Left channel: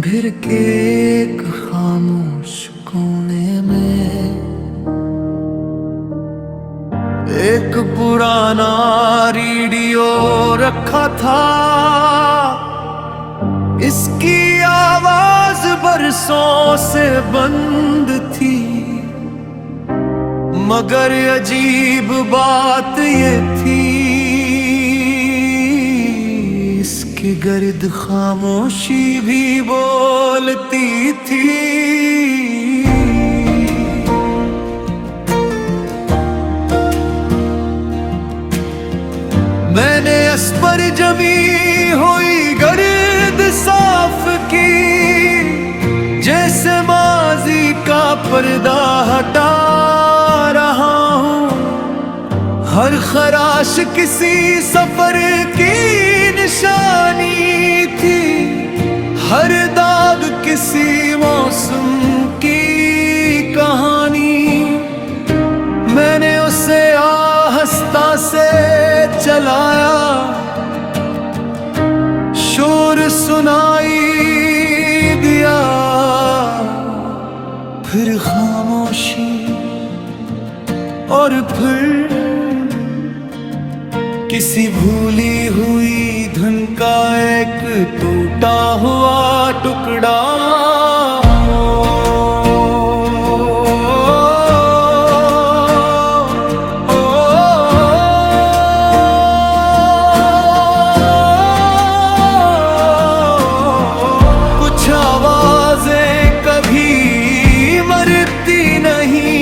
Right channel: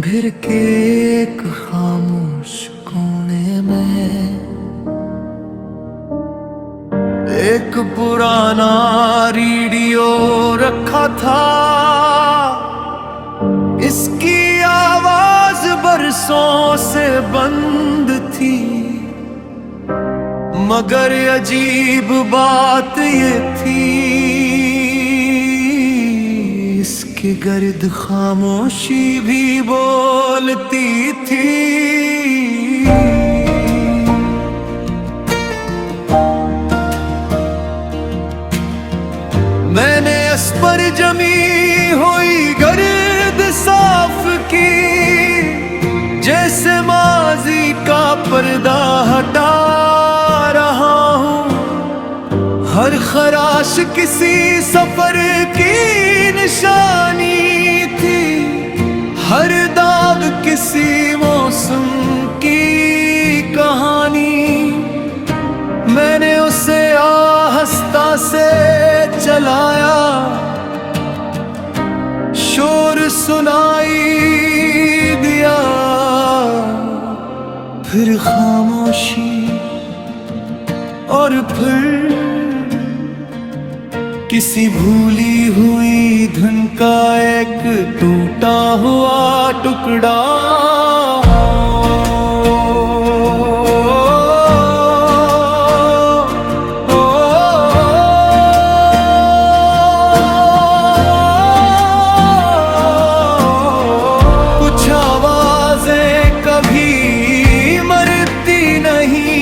फिर के एक खामोश कोने में एक पुराना रेडियो रखा था। इसकी आवाज बरसों से बंद थी, मगर अजीब बात ये थी, इसकी गर्द खामोशी भी बोलती थी। मैंने इस पर जमी हुई गर्द साफ की, जैसे माजी का पर्दा हटा रहा हूँ। हर खराश किसी सफर की निशानी थी, हर दाग किसी मौसम की कहानी। मैंने उसे आहिस्ता से चलाया, शोर सुनाई दिया, फिर खामोशी और फिर किसी भूली हुई धुन का एक टूटा हुआ टुकड़ा। कुछ आवाजें कभी मरती नहीं,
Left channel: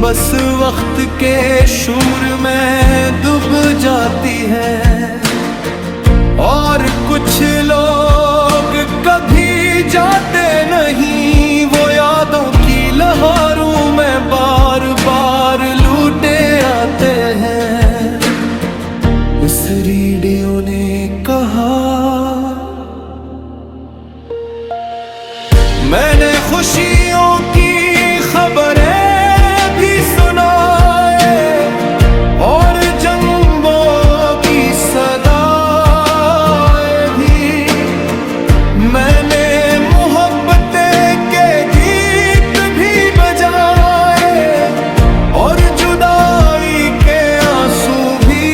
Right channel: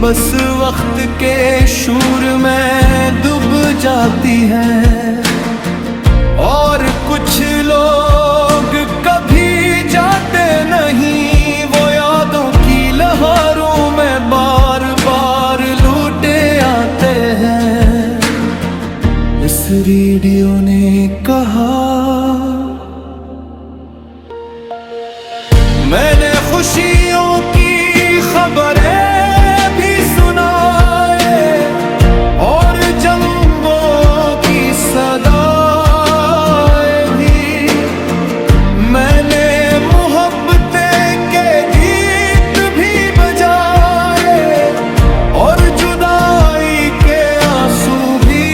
बस वक्त के शूर में डूब जाती हैं। और कुछ लोग कभी जाते नहीं, वो यादों की लहरों में बार बार लूटे आते हैं। इस रेडियो ने कहा, मैंने खुशियों की खबरें भी सुनाए और जंगों की सदाएं भी। मैंने मोहब्बतें के गीत भी बजाए और जुदाई के आंसू भी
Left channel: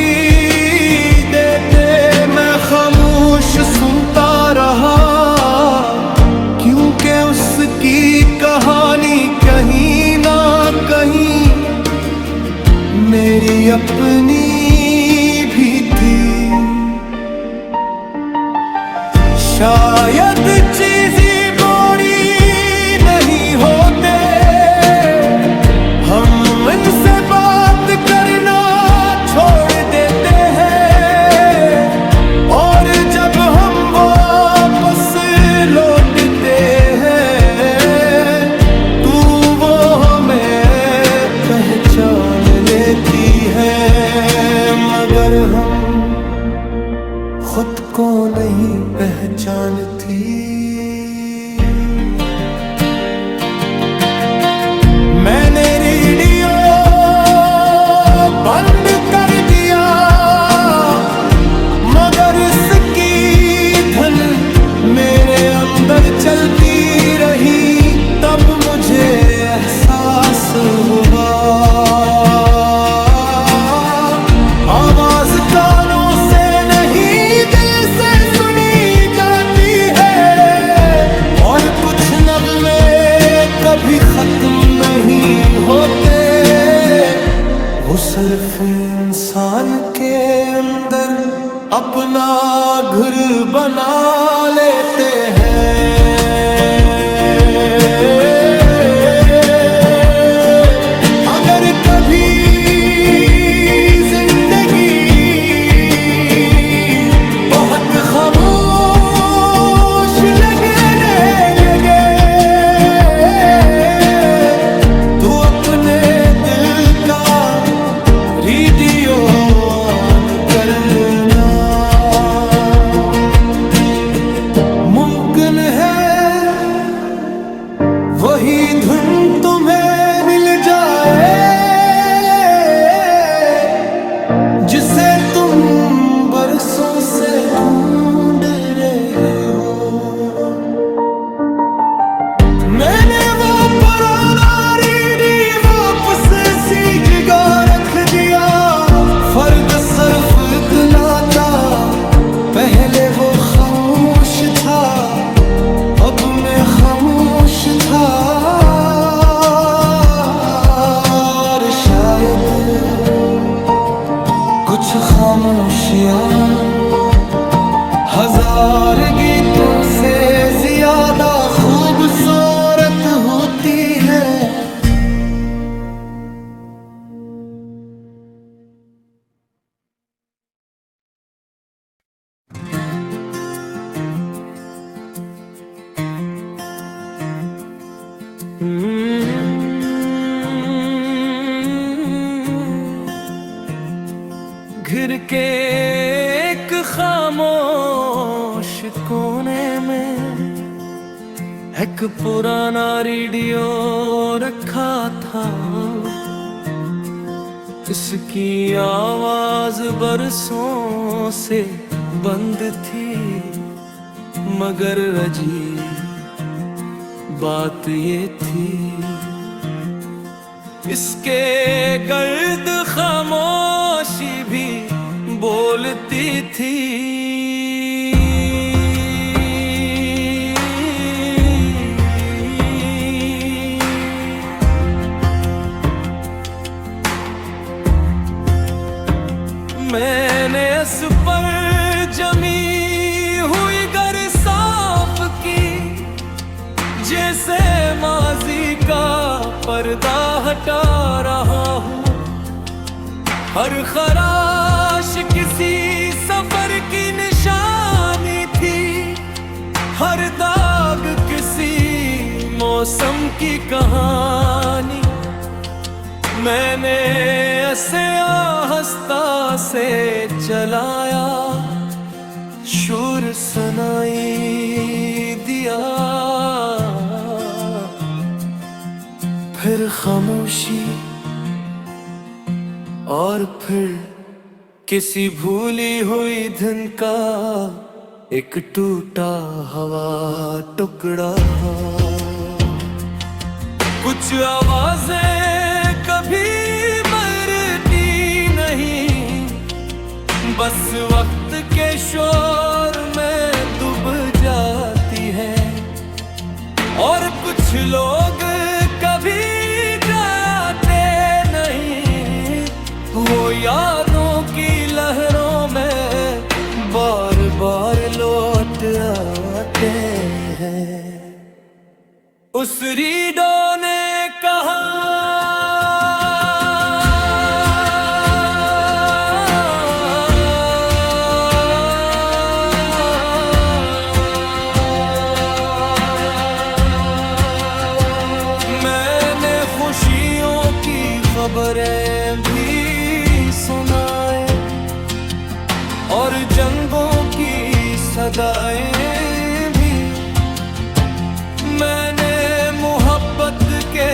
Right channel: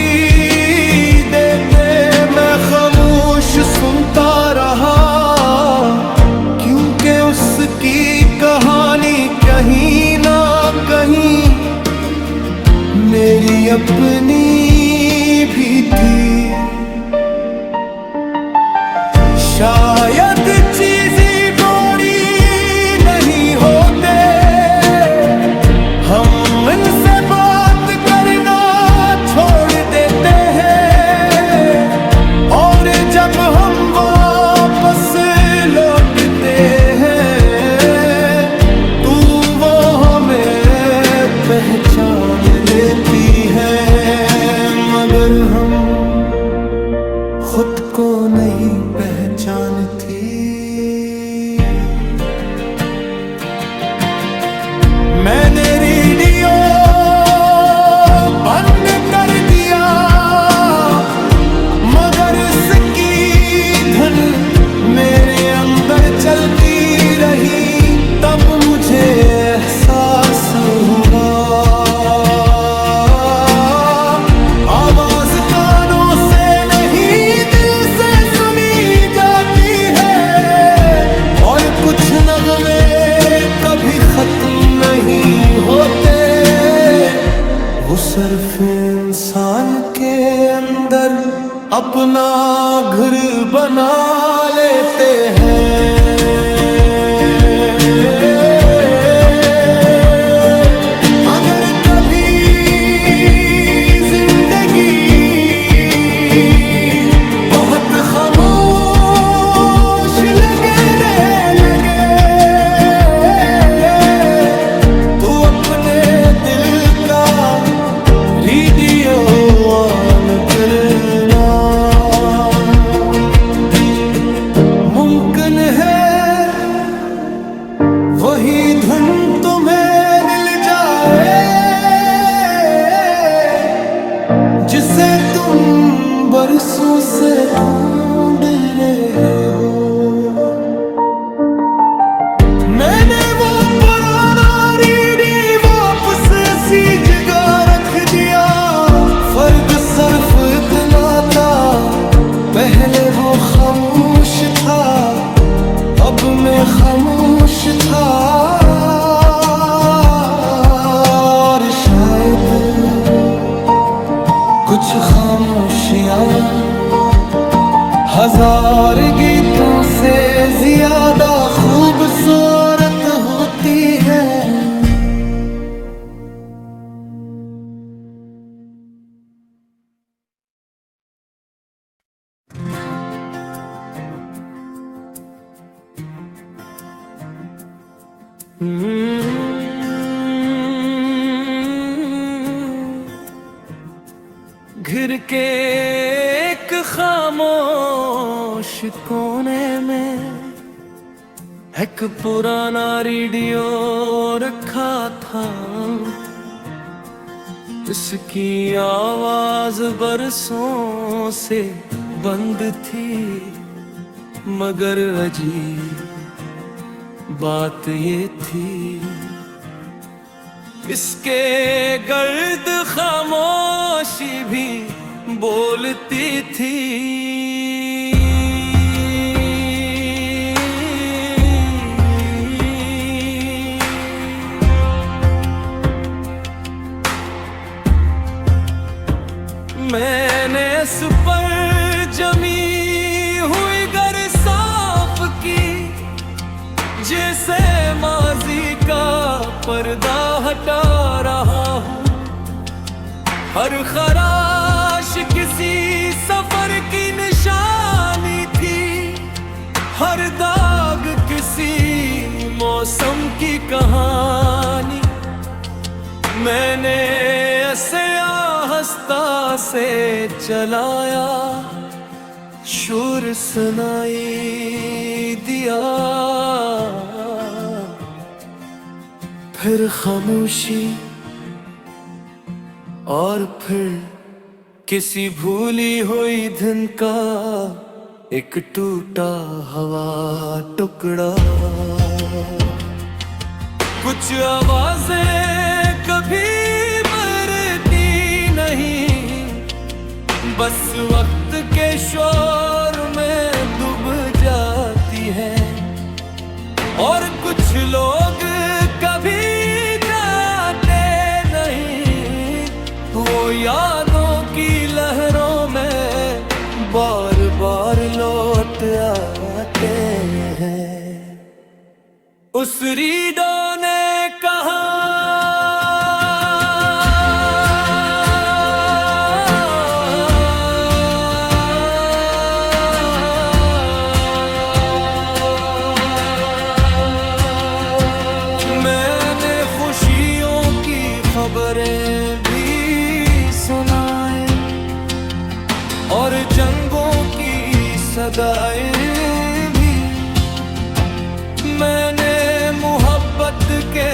देते। मैं खामोश सुनता रहा, क्योंकि उसकी कहानी कहीं ना कहीं मेरी अपनी भी थी। शायद चीज़ें बड़ी नहीं होते, हम इनसे बात करना छोड़ देते हैं, और जब हम वापस लौटते पहचान लेती है, मगर हम खुद को नहीं पहचानती। मैंने रेडियो बंद कर दिया, मगर इसकी धुन मेरे अंदर चलती रही। तब मुझे एहसास हुआ, आवाज कानों से नहीं दिल से सुनी जाती है, और कुछ नगमे कभी खत्म नहीं होते, वो सिर्फ इंसान के अंदर अपना घर बना लेते हैं। अगर कभी जिंदगी बहुत खामोश लगने लगे, तो अपने दिल का रेडियो ऑन करना। मुमकिन है वही धुन तुम्हें मिल जाए, जिसे तुम बरसों से ढूंढ रहे हो। फर्क सिर्फ इतना था, पहले वो खामोश था, अब मैं खामोश था। और शायद कुछ खामोशियां हजार गीतों से ज्यादा खूबसूरत होती है। घिर के एक खामोश कोने में एक पुराना रेडियो रखा था। इसकी आवाज बरसों से बंद थी, मगर अजीब बात ये थी, इसके गर्द खामोशी भी बोलती थी। मैंने इस पर जमी हुई गर साफ की, जैसे माजी का पर्दा हटा रहा हूँ। हर खराश किसी सफर की निशानी थी, हर दाग किसी मौसम की कहानी। मैंने ऐसे आहिस्ता से चलाया, शोर सुनाई दिया, फिर खामोशी, और फिर किसी भूली हुई धुन का एक टूटा हवा टुकड़ा। कुछ आवाजें कभी मरती नहीं, बस वक्त के शोर में डूब जाती है। और कुछ लोग कभी जाते नहीं, वो यादों की लहरों में बार बार लौट आते हैं। उस रीडो ने कहा, मैंने खुशियों की खबरें भी सुनाए और जंगों की सदाएं भी। मैंने मोहब्बत के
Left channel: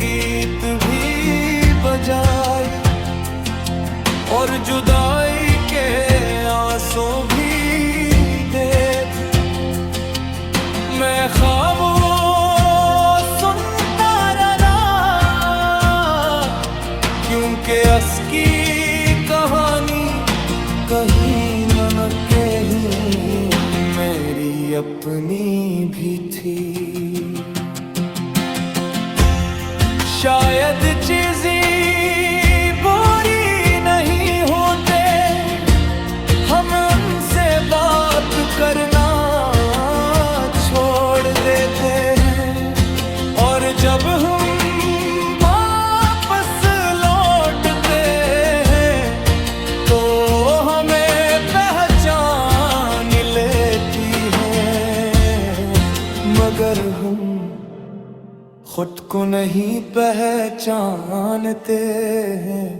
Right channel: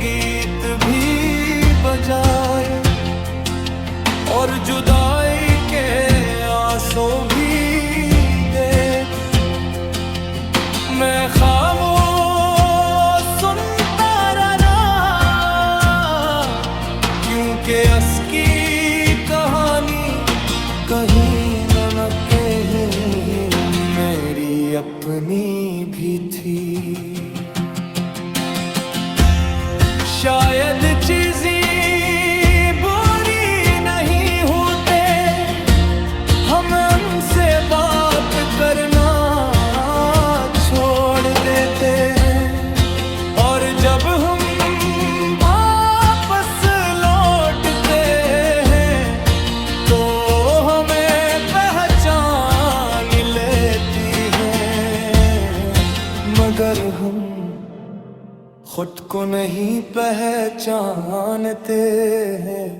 गीत भी बजाए और जुदाई के आंसू भी दे। मैं खामोश सुनता रहा, क्योंकि असकी कहानी कहीं न कहीं मेरी अपनी भी थी। शायद चीजें बुरी नहीं होते, हम उनसे बात करना छोड़ देते हैं। और जब हम वापस लौटते हैं तो हमें पहचान लेती है, मगर हम खुद को नहीं पहचानते हैं।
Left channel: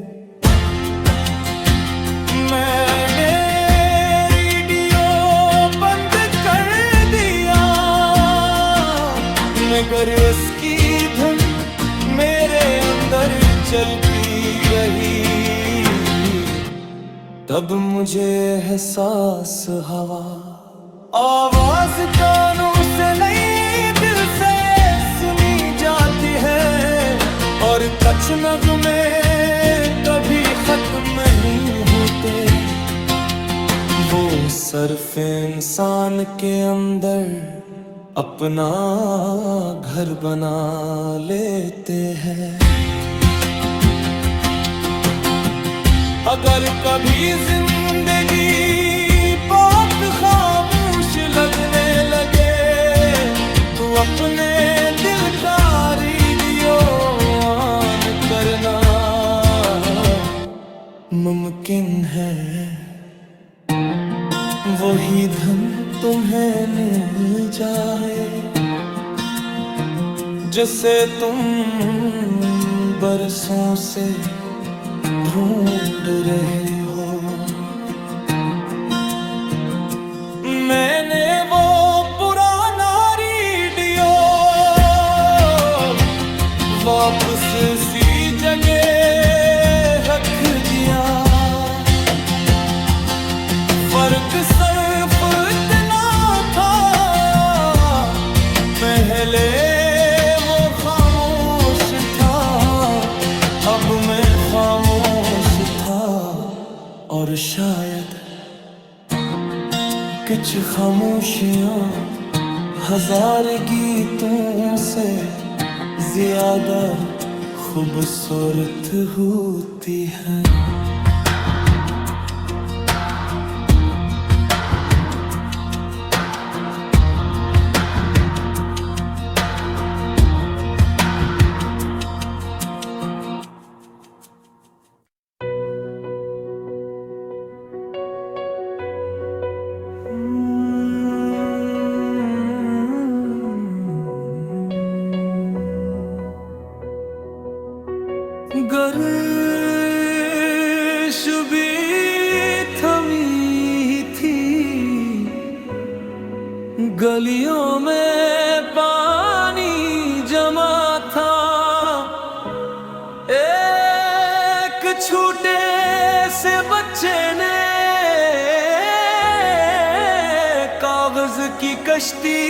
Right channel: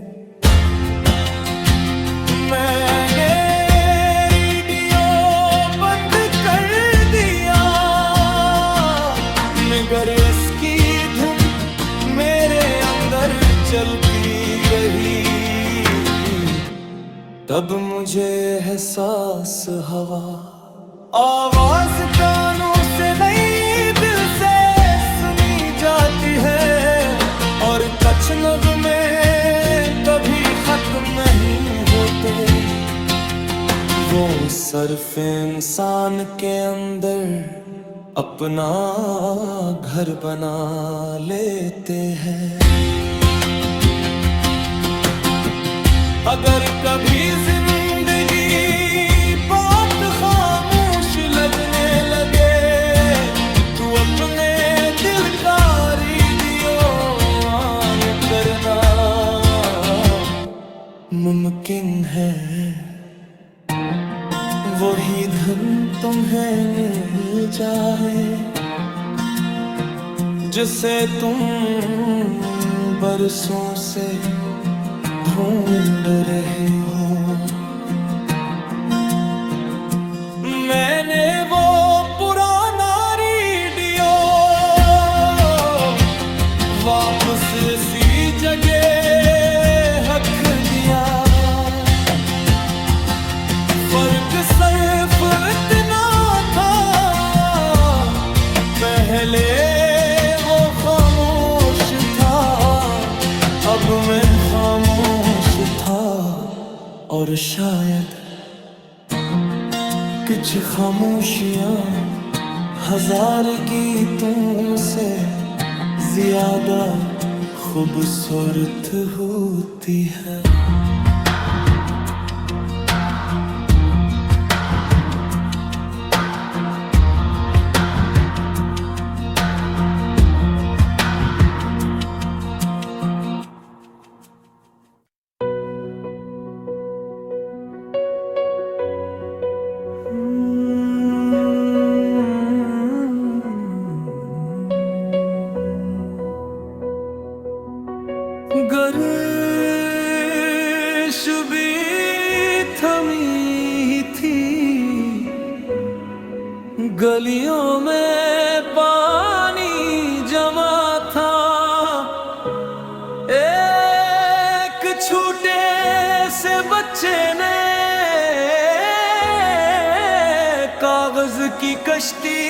मैंने रेडियो बंद कर दिया, मगर उसकी धुन मेरे अंदर चलती रही। तब मुझे एहसास हुआ, आवाज कानों से नहीं दिल से सुनी जाती है। और और कुछ नगमे कभी खत्म नहीं होते, वो सिर्फ इंसान के अंदर अपना घर बना लेते हैं। अगर कभी जिंदगी बात खामोश लगने लगे, तू अपने दिल का रेडियो ऑन करना। मुमकिन है वही धन तुम्हें मिल जाए जिसे तुम बरसों से ढूंढ रहे हो। मैंने वो पुराना रेडियो वापस सी जगह रख दिया। फर्क सिर्फ इतना था, पहले वो खामोश था, अब मैं खामोश था। और शायद कुछ खामोशियां हजार गीतों से ज्यादा खूबसूरत होती है। गर्श भी थमी थी, गलियों में पानी जमा था। एक छोटे से बच्चे ने कागज की कश्ती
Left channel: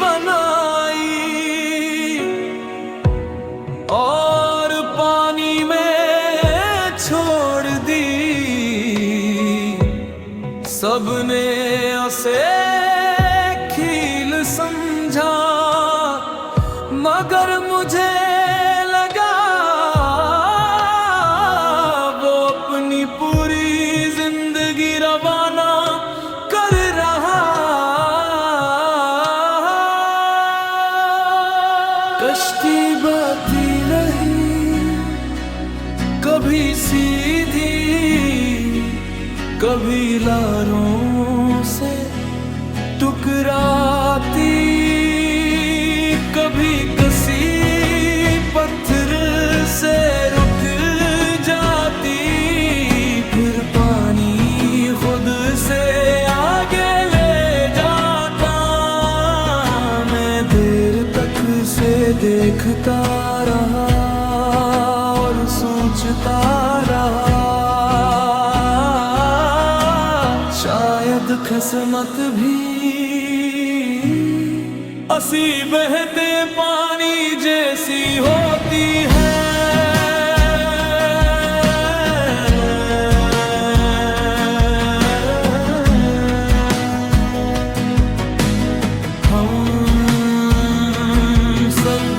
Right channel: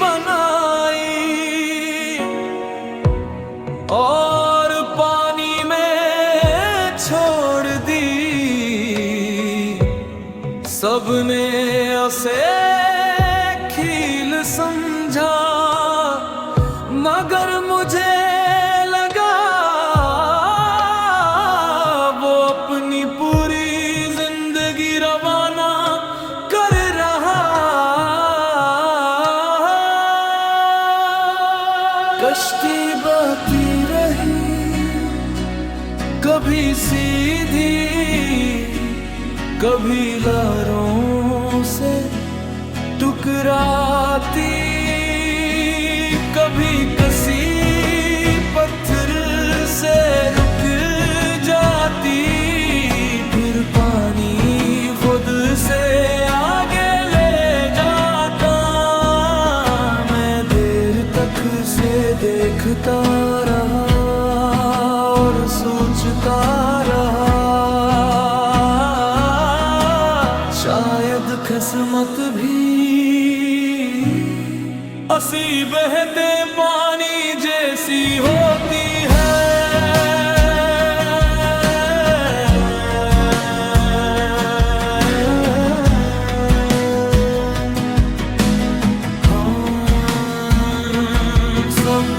बनाई और पानी में छोड़ दी। सबने उसे खेल समझा, मगर मुझे लगा वो अपनी पूरी जिंदगी रवाना कर रहा। कश्ती बहती रही, कभी सीधी कभी लारों से टकराती, कभी कसी पत्थर से रुक जाती। फिर पानी खुद से आगे ले जाता। मैं देर तक से देखता रहा और सोचता रहा, शायद किस्मत भी असी बहते पानी जैसी होती है। हम सब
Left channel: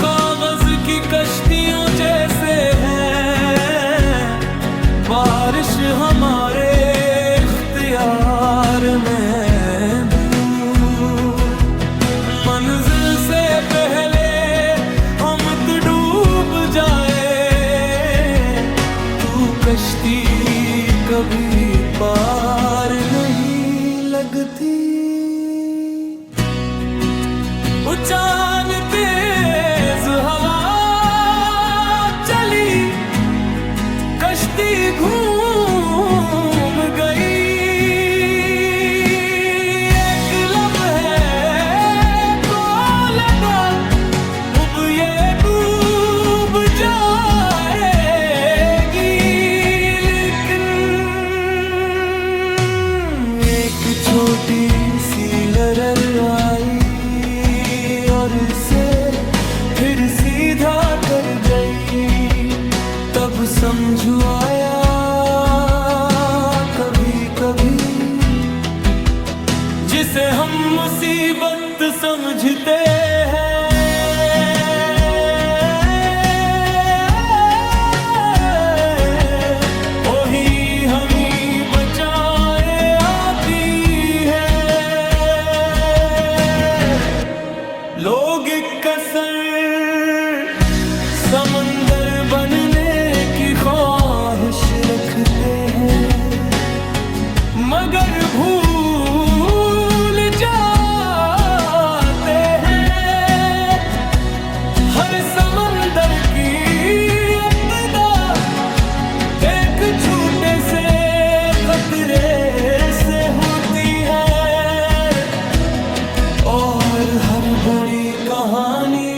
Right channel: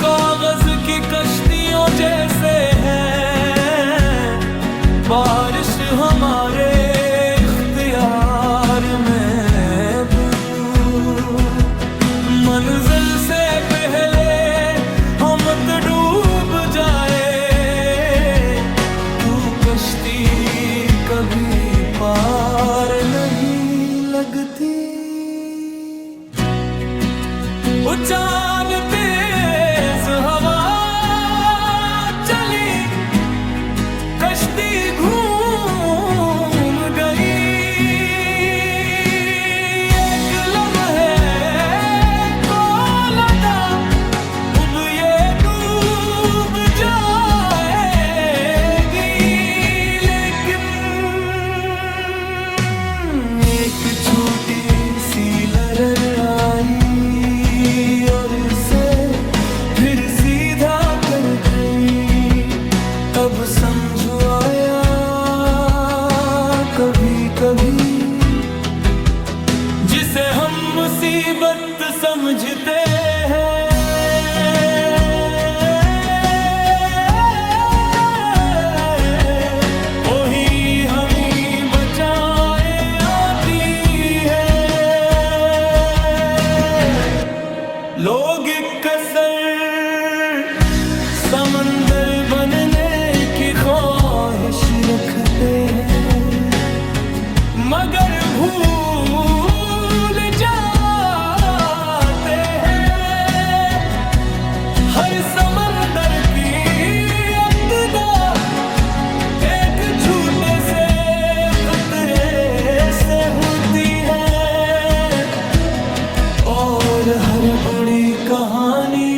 कागज की कश्तियों जैसे हैं, बारिश हमारे इख्तियार में मंजिल से पहले हम तो डूब जाए। तू कश्ती कभी पार नहीं लगती। उचान तेज हवा चली, कश्ती घूम गई। छोटी सी लहर आई और इसे फिर सीधा कर गई। तब समझ आया कभी कभी, जिसे हम मुसीबत समझते हैं वही हमें बचाए आती है। लोग कसर समंदर बनने की ख्वाहिश रखते हैं, मगर भूल जाते हैं हर समंदर की इब्तिदा एक छोटे से कतरे से होती है, और हर बुरी कहानी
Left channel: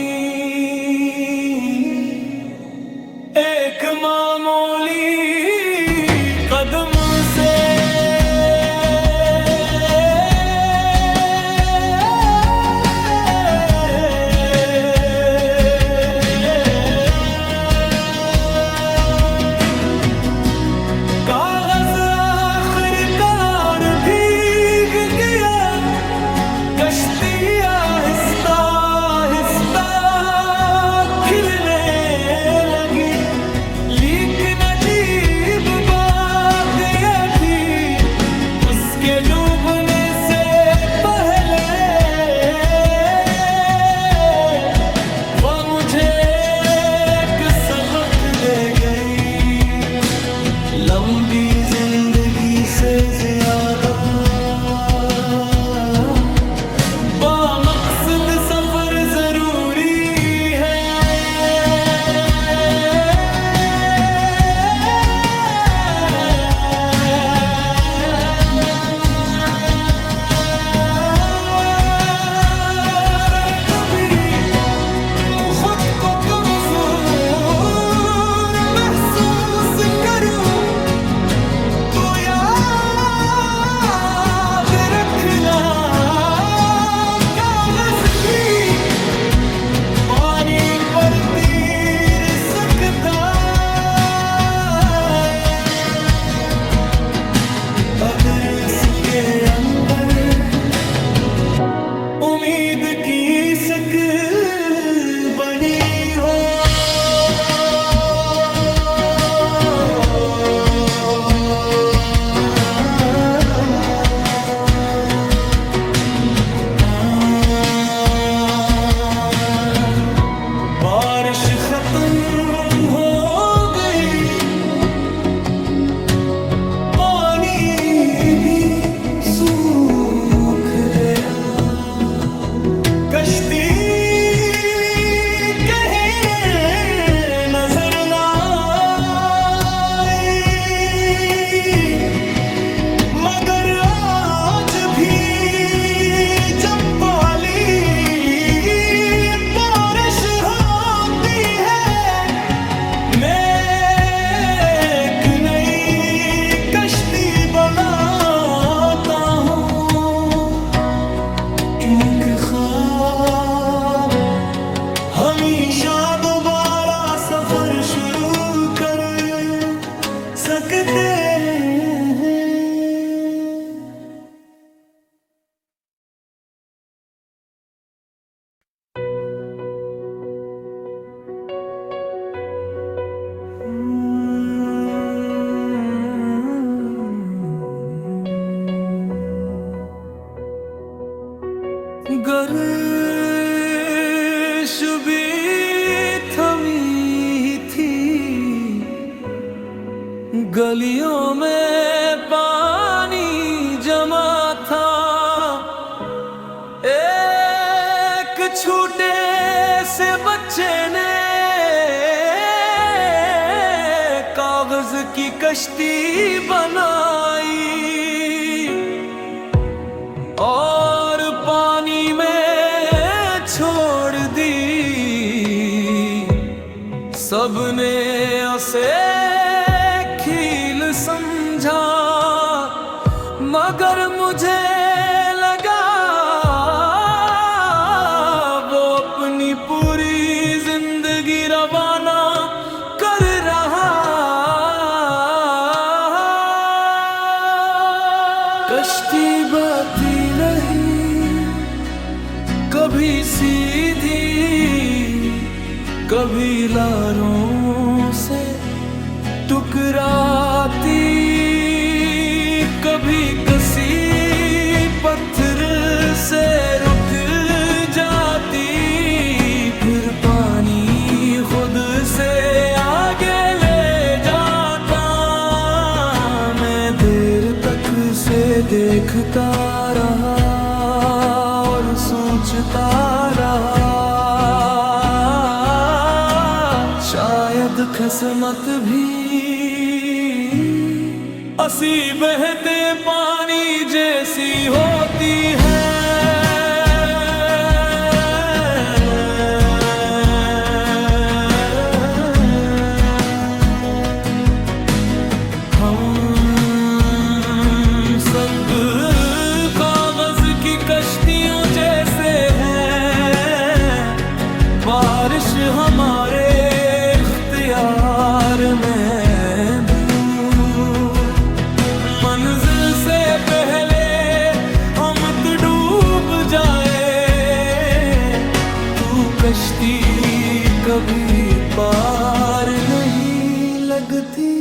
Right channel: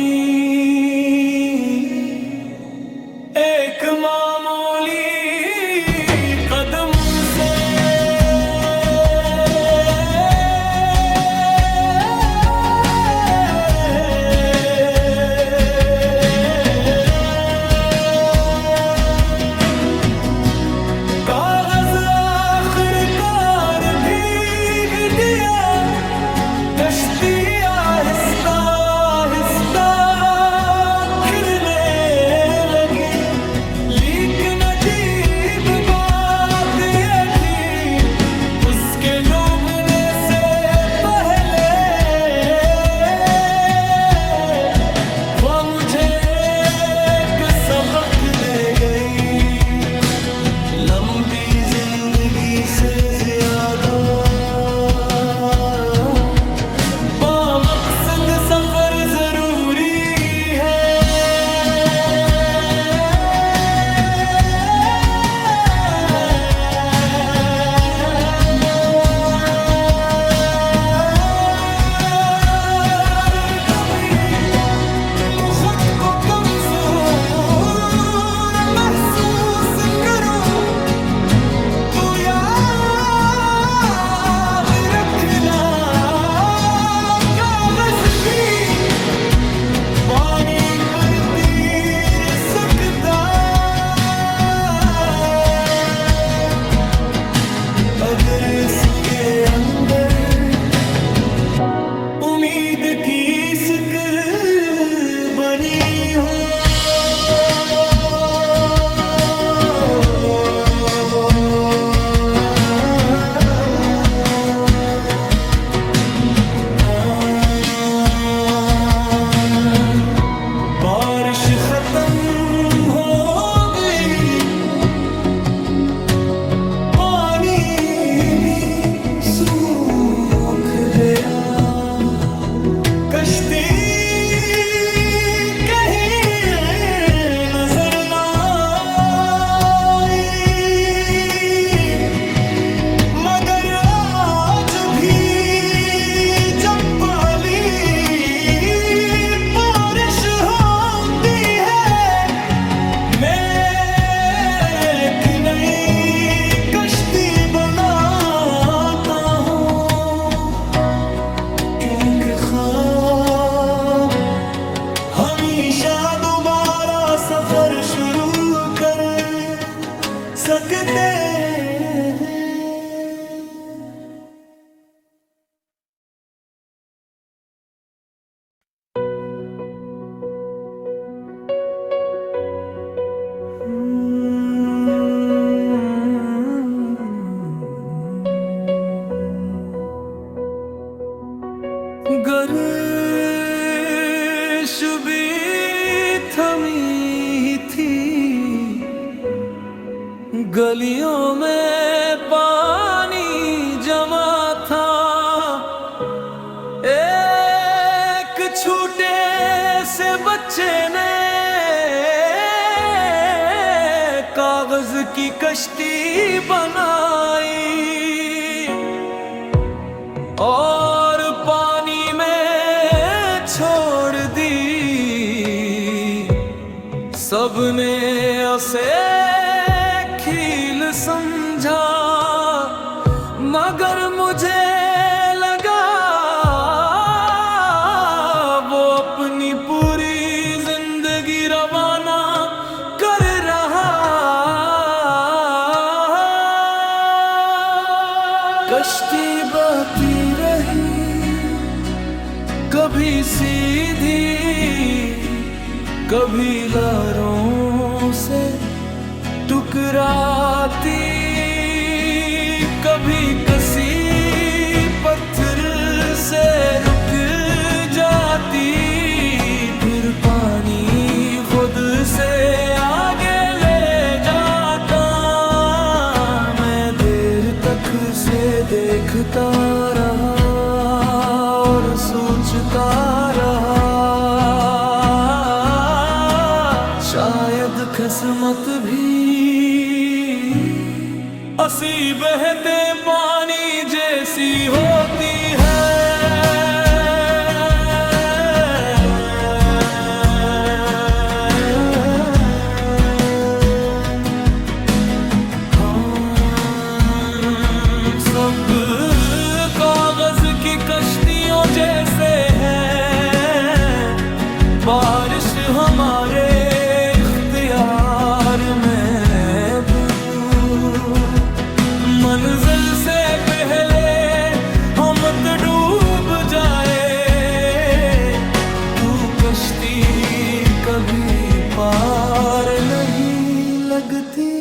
एक मामूली कदम से। कागज आखिरकार भीग गया, कश्ती आहिस्ता आहिस्ता खिलने लगी, लेकिन अजीब बात ये थी उसके डूबने से पहले वह मुझे एक सबक दे गई। लंबी जिंदगी से ज्यादा बामकसद सफर जरूरी है। कभी तुम खुद को कमजोर महसूस करो तो याद रखना, कागज भी पानी पर तैर सकता अगर इसके अंदर उम्मीद की सिक बनी हो। बारिश खत्म हो गई, पानी भी सूख गया, कश्ती कहीं नजर ना आई, मगर आज भी जब पाली बारिश होती है मैं एक नई कश्ती बनाता हूँ, क्योंकि ख्वाब हमेशा दोबारा सफर शुरू कर सकते हैं। गर्श भी थमी थी, गलियों में पानी जमा था, एक छोटे से बच्चे ने कागज की कश्ती बनाई और पानी में छोड़ दी। सबने उसे खेल समझा, मगर मुझे लगा वो अपनी पूरी जिंदगी रवाना कर रहा कश्ती बहती रही, कभी सीधी कभी लारों से टकराती, कभी कसी पत्थर से रुक जाती, फिर पानी खुद से आगे ले जाता। मैं देर तक से देखता रहा और सोचता रहा, शायद किस्मत भी असी बहते पानी जैसी होती है। हम सब कागज की कश्तियों जैसे हैं, बारिश हमारे इख्तियार में, मंजिल से पहले हम तो डूब जाए। तू कश्ती कभी पार नहीं लगती,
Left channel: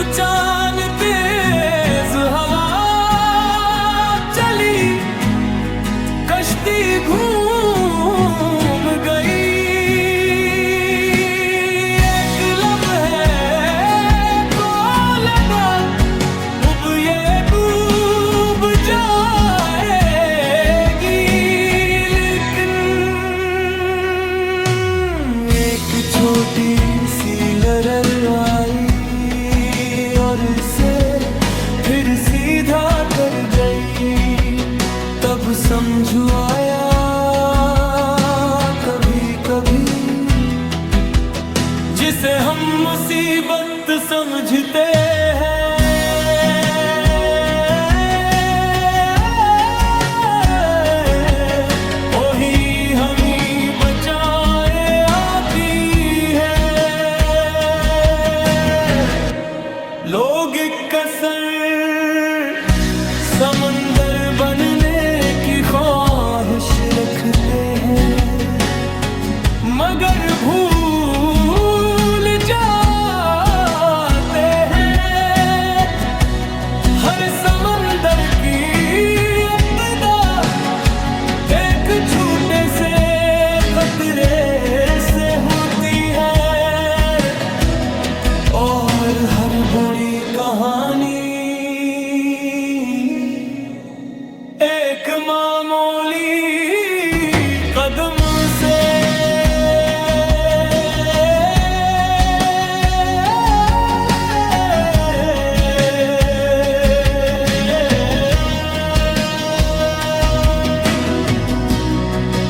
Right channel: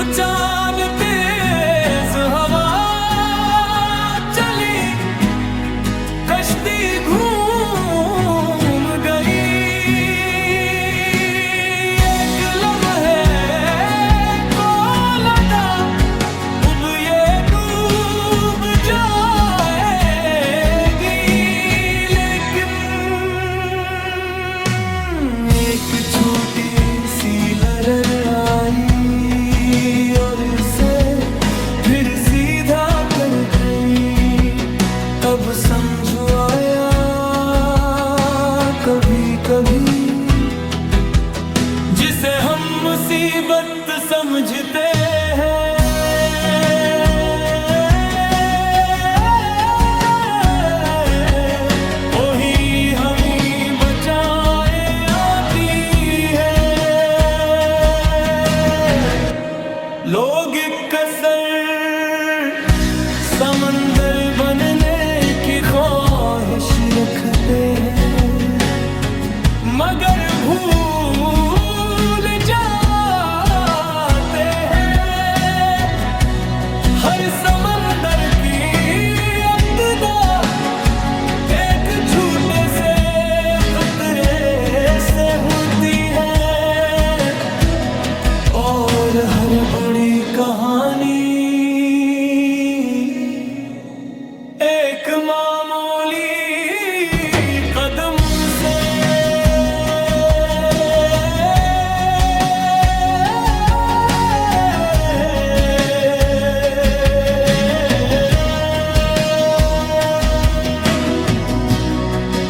उचान तेज हवा चली, कश्ती घूम गई। छोटी सी लहर आई और इसे फिर सीधा कर गई, तब समझ आया कभी कभी जिसे हम मुसीबत समझते हैं, वही हमें बचाए लोग। कसर समंदर बनने की ख्वाहिश रखते हैं, मगर भूल जाते हैं हर समंदर की इब्तिदा एक छोटे से कतरे से होती है। और हर बुरी कहानी एक मामूली कदम से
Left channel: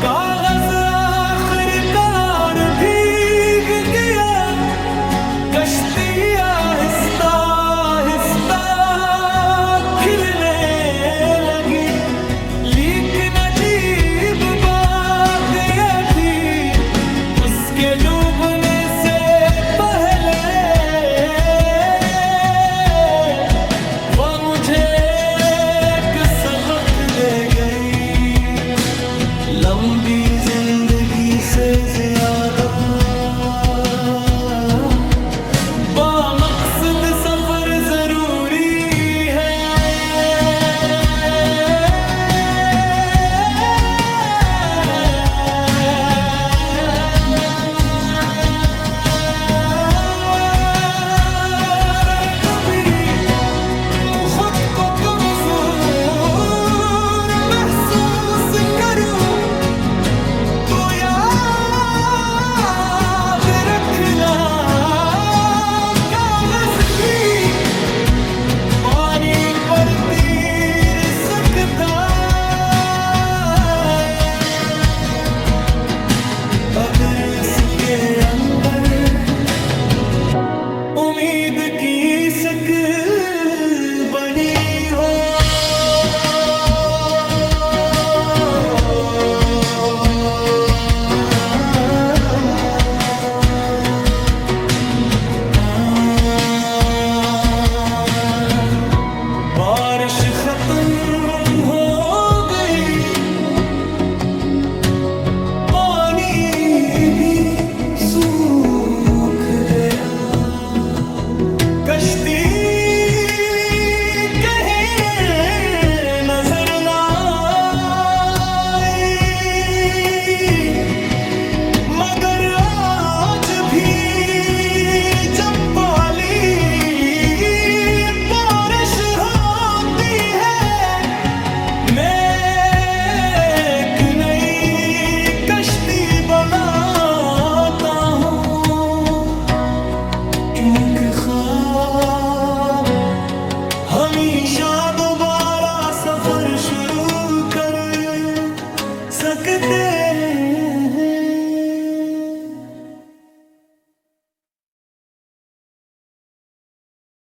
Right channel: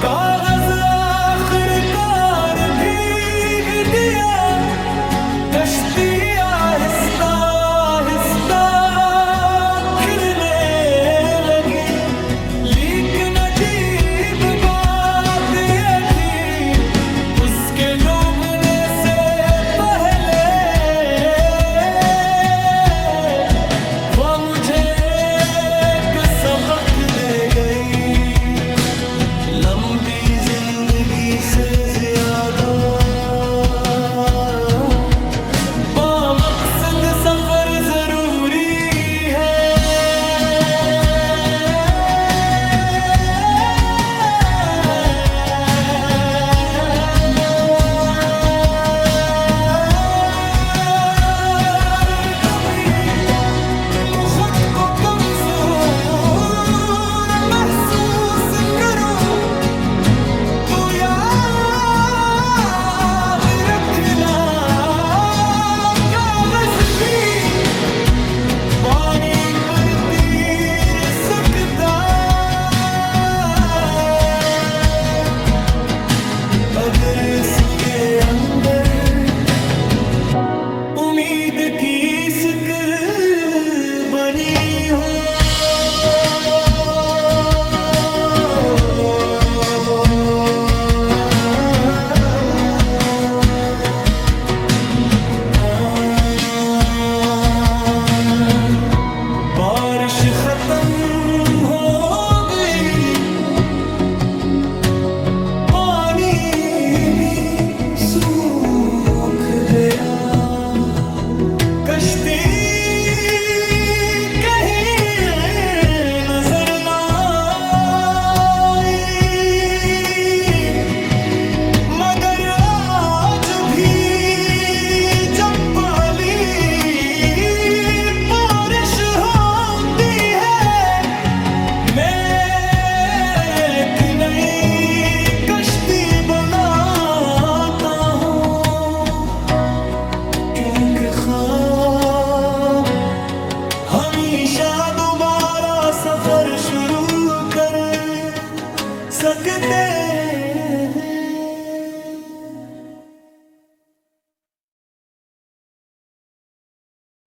कागज आखिरकार भीग गया, कश्ती आहिस्ता आहिस्ता खिलने लगी। लेकिन अजीब बात यह थी, उसके डूबने से पहले वह मुझे एक सबक दे गई। लंबी जिंदगी से ज्यादा बामकसद सफर जरूरी है। कभी तुम खुद को कमजोर महसूस करो तो याद रखना, पानी पर तीर सकता अगर इसके अंदर उम्मीद की सिक बनी हो। बारिश खत्म हो गई, पानी भी सूख गया, कश्ती कहीं नजर ना आई, मगर आज भी जब पाली बारिश होती है, मैं एक नई कश्ती बनाता हूँ, क्योंकि ख्वाब हमेशा दोबारा सफर शुरू कर सकते हैं।